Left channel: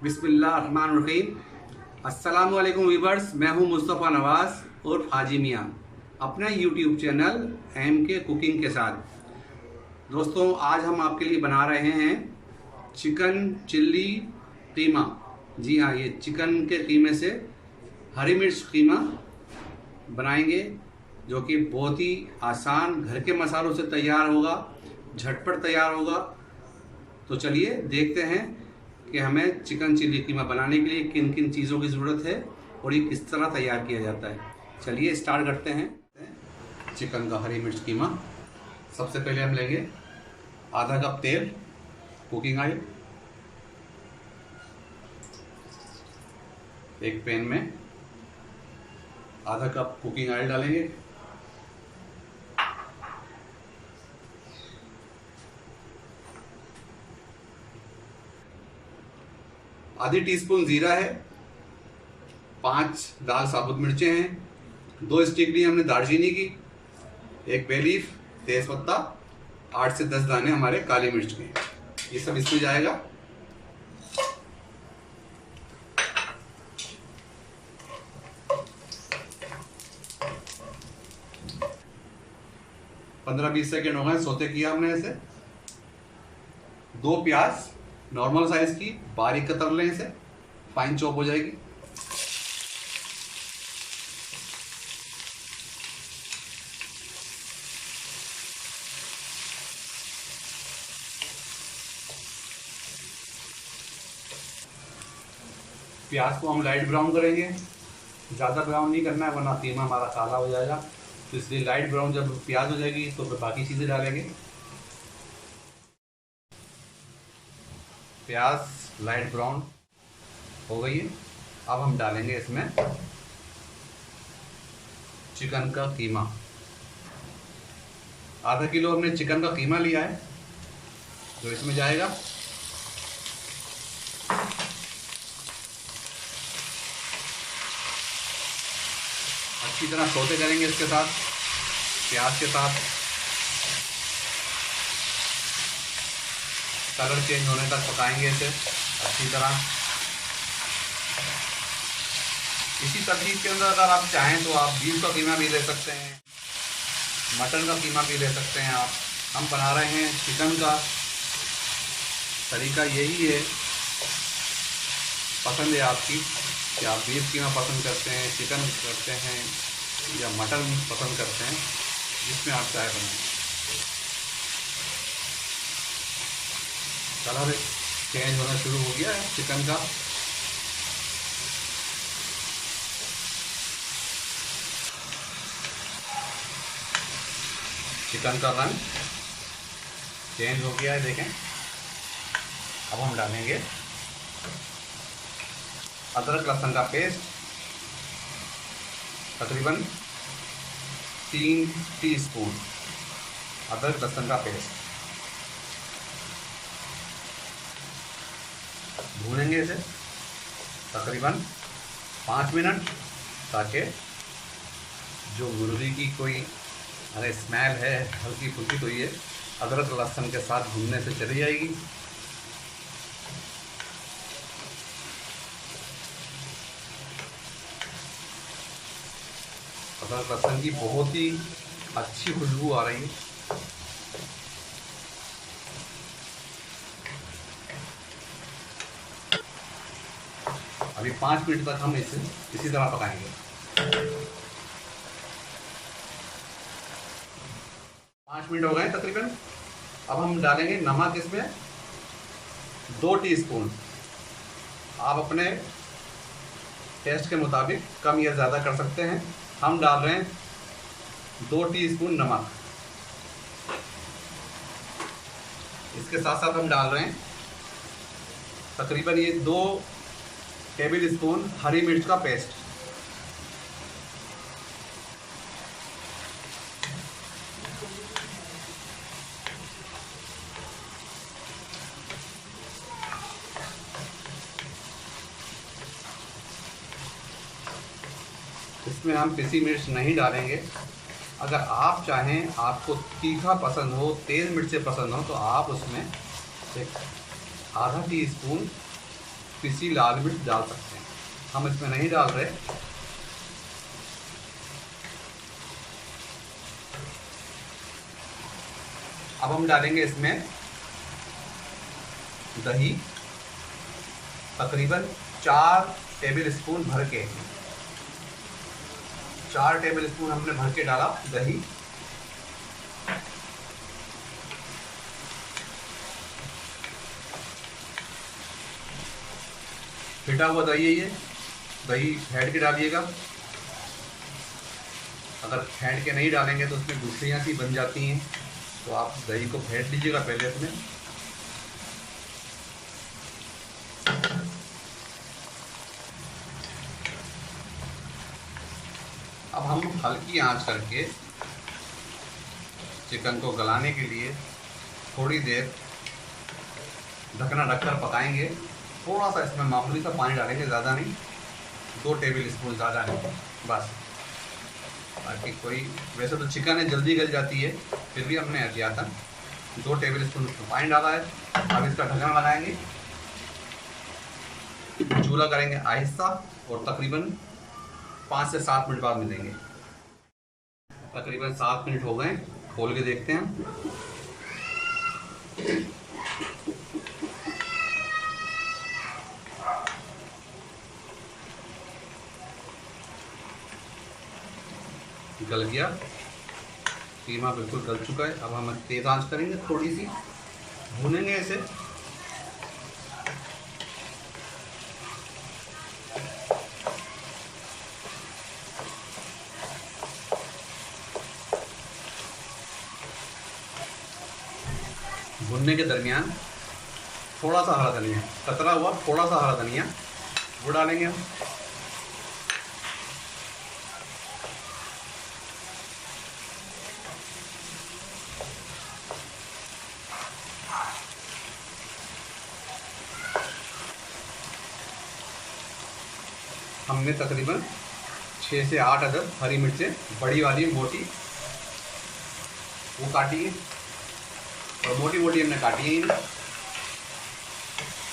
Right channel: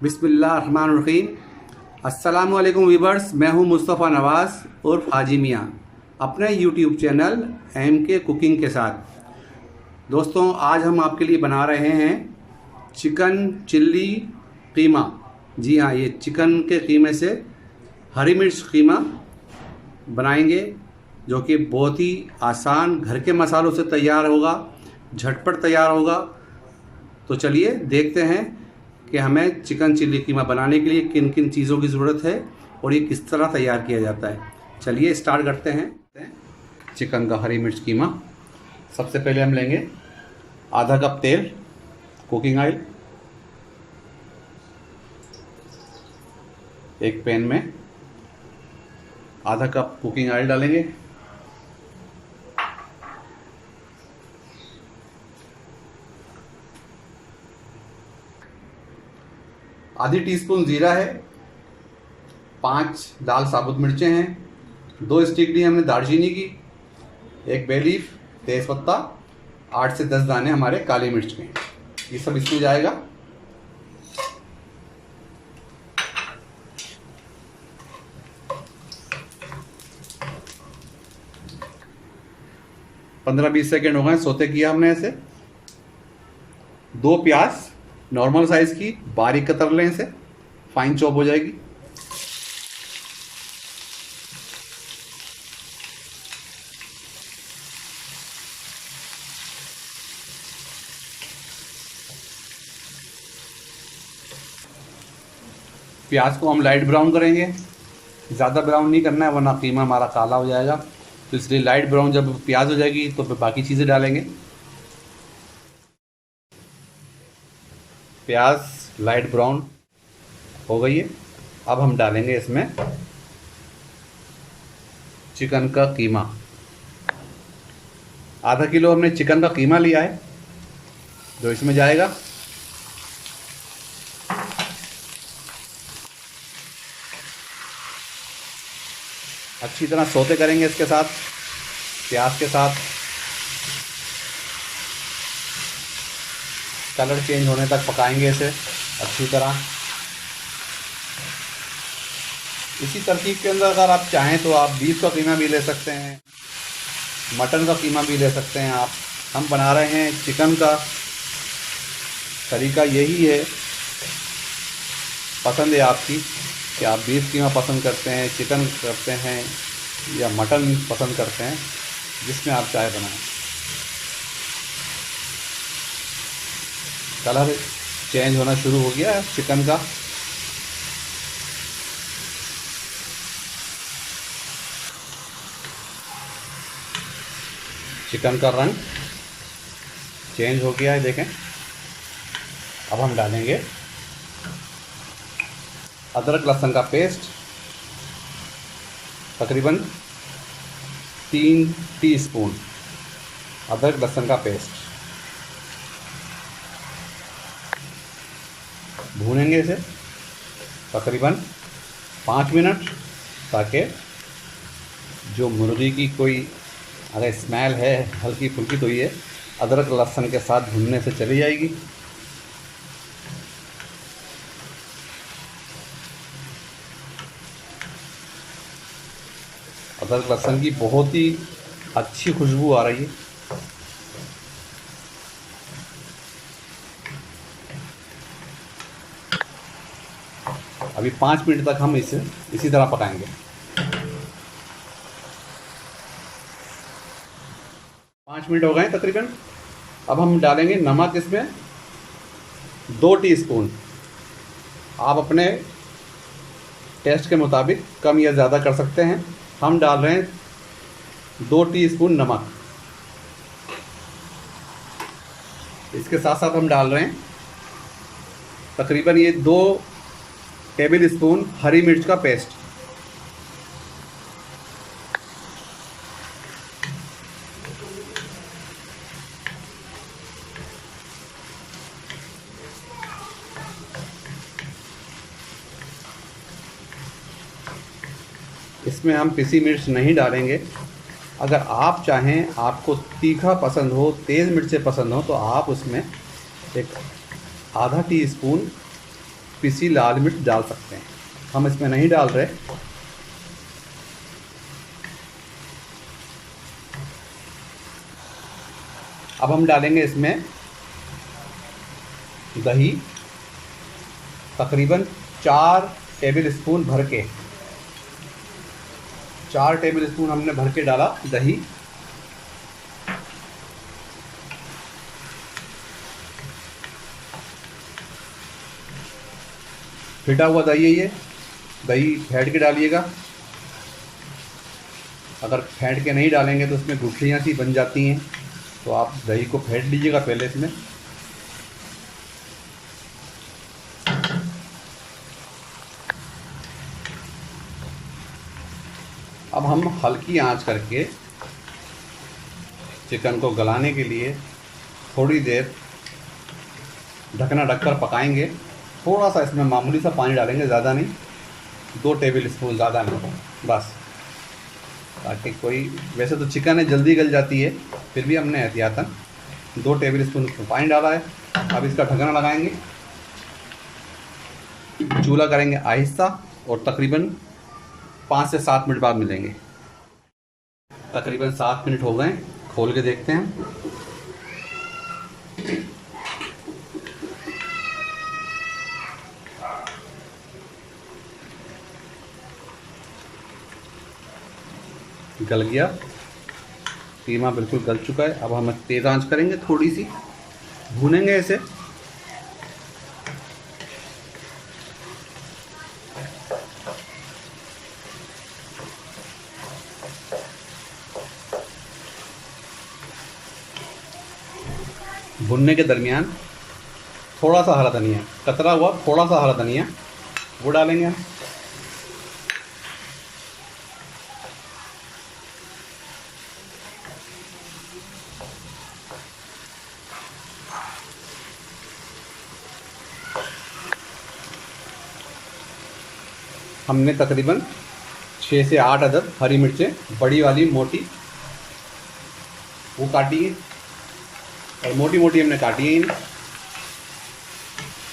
बिस्मिल्लाहिर्रहमानिर्रहीम। अस्सलामुअलैकुम वीवर्स, मैं हूं मुस्तफ़ा नवाज़ और हाजी मियाँ अपने यूट्यूब चैनल MK कुकिंग के साथ। दोस्तों, आज हम आपके लिए बना रहे हैं चिकन चिल्ली कीमा। जी हाँ, ये चिकन के कीमे से हरी मिर्च कीमा बनाएंगे, जो कि बहुत ही आसान घर के मसालों से तैयार होगा, झटपट तैयार होगा। तो चलिए देखते हैं कि हमें चिकन चिल्ली कीमा बनाने के लिए किन किन चीज़ों की ज़रूरत है और ये किस तरह तैयार किया जाता है। चलिए स्टार्ट करते हैं चिकन का हरी मिर्च कीमा। सबसे पहले हम लेंगे आधा कप तेल, कुकिंग ऑयल। एक पैन में आधा कप कुकिंग ऑयल डालेंगे। आधी टीस्पून जीरा है, 5 लाल साबुत मिर्चें हैं, 2 स्टिक ली हमने दालचीनी की, एक बे लीफ, तेज़पत्ता, 8 से 10 दाने हमारे काली मिर्च के। ये सब इसमें जाएगा। पंद्रह 20 सेकेंड हो गए सोते किया हमने ऐसे। 2 प्याज नॉर्मल साइज की बारीक कतर लें, इसे फाइन चॉप हो जाएगी। प्याज को हम लाइट ब्राउन करेंगे, ज़्यादा ब्राउन नहीं करना है वरना कीमा हमारा काला हो जाएगा। तो इसलिए लाइट ब्राउन जब प्याज हो जाएगी तो फिर बाकी चीज़ें डालेंगे। प्याज लाइट ब्राउन हो गई है। अब हम डालेंगे इसमें चिकन का कीमा। आधा किलो हमने चिकन का कीमा लिया है, जो इसमें जाएगा। अच्छी तरह सौते करेंगे इसके साथ, प्याज के साथ। कलर चेंज होने तक पकाएंगे इसे अच्छी तरह। इसी तरकीब के अंदर अगर आप चाहें तो आप बीफ का कीमा भी ले सकते हैं, मटन का कीमा भी ले सकते हैं आप। हम बना रहे हैं चिकन का। तरीका यही है, पसंद है आपकी कि आप बीफ कीमा पसंद करते हैं, चिकन करते हैं या मटन पसंद करते हैं, जिसमें आप चाय बनाएं। कलर चेंज होना शुरू हो गया है चिकन का। चिकन का रंग चेंज हो गया है, देखें। अब हम डालेंगे अदरक लहसुन का पेस्ट, तकरीबन 3 टीस्पून अदरक लहसुन का पेस्ट। भूनेंगे इसे तकरीबन 5 मिनट, ताकि जो मुर्गी की कोई अगर स्मेल है हल्की फुल्की तो ये अदरक लहसुन के साथ भूनने से चली जाएगी। अदरक लहसुन की बहुत ही अच्छी खुशबू आ रही है। अभी 5 मिनट तक हम इसे इसी तरह पकाएंगे। 5 मिनट हो गए तकरीबन। अब हम डालेंगे नमक इसमें 2 टीस्पून। आप अपने टेस्ट के मुताबिक कम या ज़्यादा कर सकते हैं। हम डाल रहे हैं 2 टीस्पून नमक। इसके साथ साथ हम डाल रहे हैं तकरीबन ये 2 टेबल स्पून हरी मिर्च का पेस्ट। इसमें हम पिसी मिर्च नहीं डालेंगे। अगर आप चाहें, आपको तीखा पसंद हो, तेज़ मिर्चें पसंद हो, तो आप उसमें एक आधा टीस्पून पिसी लाल मिर्च डाल सकते हैं, हम इसमें नहीं डाल रहे। अब हम डालेंगे इसमें दही, तकरीबन 4 टेबल स्पून भर के, 4 टेबल स्पून हमने भर के डाला दही। फिटा हुआ दही है ये, दही फेंट के डालिएगा। अगर फेंट के नहीं डालेंगे तो उसमें गुठलियाँ सी बन जाती हैं, तो आप दही को फेंट लीजिएगा पहले इसमें। अब हम हल्की आंच करके चिकन को गलाने के लिए थोड़ी देर ढकना ढककर पकाएंगे। थोड़ा सा इसमें मामूली सा पानी डालेंगे, ज़्यादा नहीं, 2 टेबल स्पून, ज़्यादा नहीं बस, ताकि कोई, वैसे तो चिकन है जल्दी गल जाती है, फिर भी हमने एहतियातन 2 टेबल स्पून पानी डाला है। अब इसका ढक्कन लगाएंगे, चूल्हा करेंगे आहिस्ता और तकरीबन 5 से 7 मिनट बाद मिलेंगे। तकरीबन 7 मिनट हो गए, खोल के देखते हैं। गल गया, कीमा बिल्कुल गल चुका है। अब हम तेज़ आंच करेंगे, थोड़ी सी भूनेंगे इसे। भुनने के दरमियान थोड़ा सा हरा धनिया, कतरा हुआ थोड़ा सा हरा धनिया, वो डालेंगे हम। हमने तकरीबन 6 से 8 अदद हरी मिर्चें, बड़ी वाली मोटी, वो काटी है, और मोटी मोटी हमने काटी है इन्हें,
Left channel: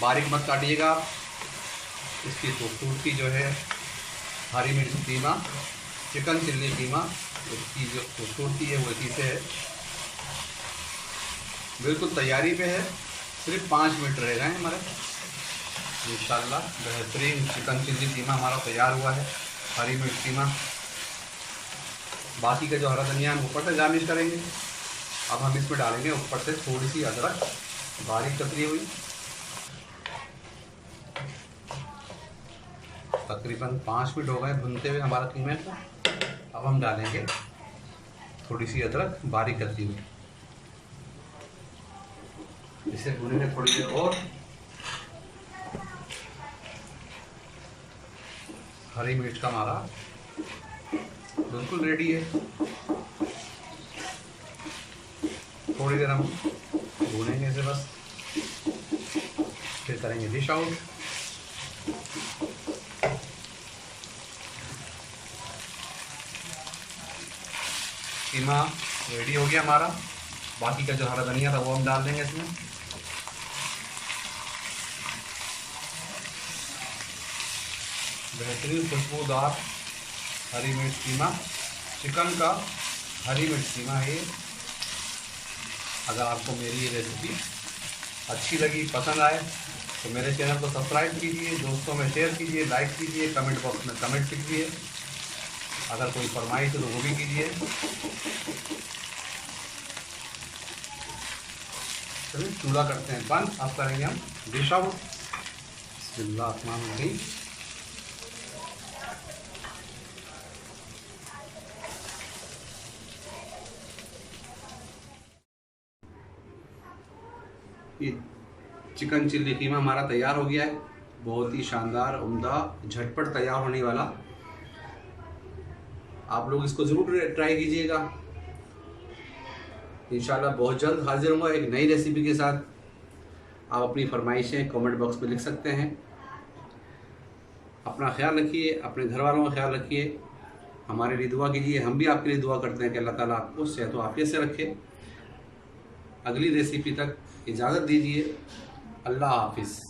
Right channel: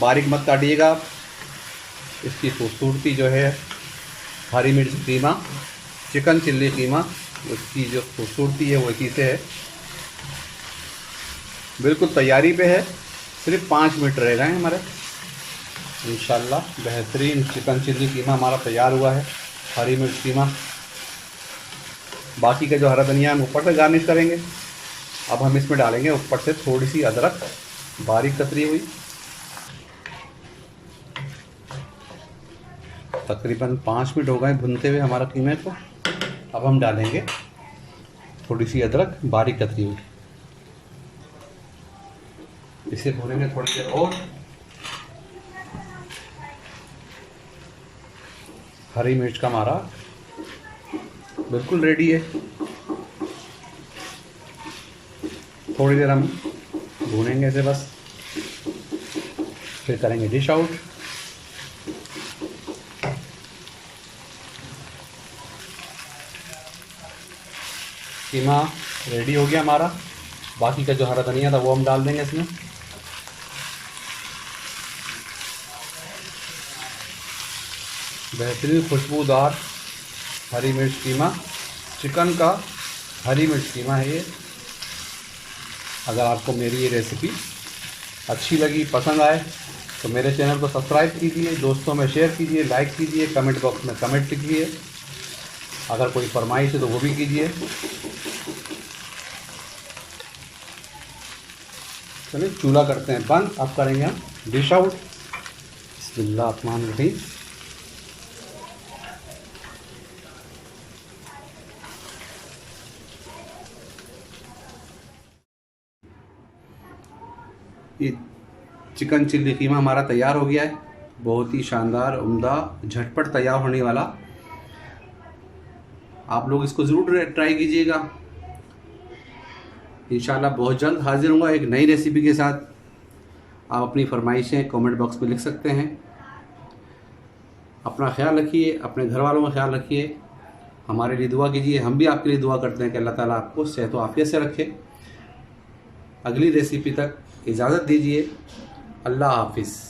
बारीक मत काटिएगा। इसकी खूबसूरती जो है हरी मिर्च कीमा, चिकन चिल्ली कीमा, उसकी जो खूबसूरती है वो इसी से है। बिल्कुल तैयारी पे है, सिर्फ 5 मिनट रह गए हैं हमारे, इंशाल्लाह बेहतरीन चिकन चिल्ली कीमा हमारा तैयार हुआ है, हरी मिर्च कीमा। बाकी का जो हरा धनिया हम ऊपर से गार्निश करेंगे। अब हम इसमें डालेंगे ऊपर से थोड़ी सी अदरक बारीक कतरी हुई। तकरीबन 5 मिनट हो गए भुनते हुए हमारा कीमे को। अब हम डालेंगे थोड़ी सी अदरक बारीक कतरी हुई, इसे भूनेंगे थोड़ी देर और। हरी मिर्च का हमारा बिल्कुल रेडी है। थोड़ी देर हम भूनेंगे इसे बस, फिर करेंगे डिश आउट। कीमा रेडी हो गया हमारा। बाकी का जो हरा धनिया था वो हम डाल देंगे इसमें। बेहतरीन खुशबूदार हरी मिर्च कीमा, चिकन का हरी मिर्च कीमा है ये। अगर आपको मेरी ये रेसिपी अच्छी लगी, पसंद आए, तो मेरे चैनल को सब्सक्राइब कीजिए, दोस्तों में शेयर कीजिए, लाइक कीजिए, कमेंट बॉक्स में कमेंट लिखिए। अगर कोई फरमाइश है तो वो भी कीजिए। चलिए चूल्हा करते हैं बंद, अब करेंगे हम डिश आउट। बिस्मिल्लाहिर्रहमानिर्रहीम। ये चिकन चिल्ली कीमा हमारा तैयार हो गया है, बहुत ही शानदार, उम्दा, झटपट तैयार होने वाला। आप लोग इसको ज़रूर ट्राई कीजिएगा। इंशाल्लाह बहुत जल्द हाजिर होऊंगा एक नई रेसिपी के साथ। आप अपनी फरमाइशें कमेंट बॉक्स में लिख सकते हैं। अपना ख्याल रखिए, अपने घर वालों का ख्याल रखिए, हमारे लिए दुआ कीजिए। हम भी आपके लिए दुआ करते हैं कि अल्लाह ताला आपको सेहत व आफियत से रखे। अगली रेसिपी तक इजाज़त दीजिए। अल्लाह हाफिज़।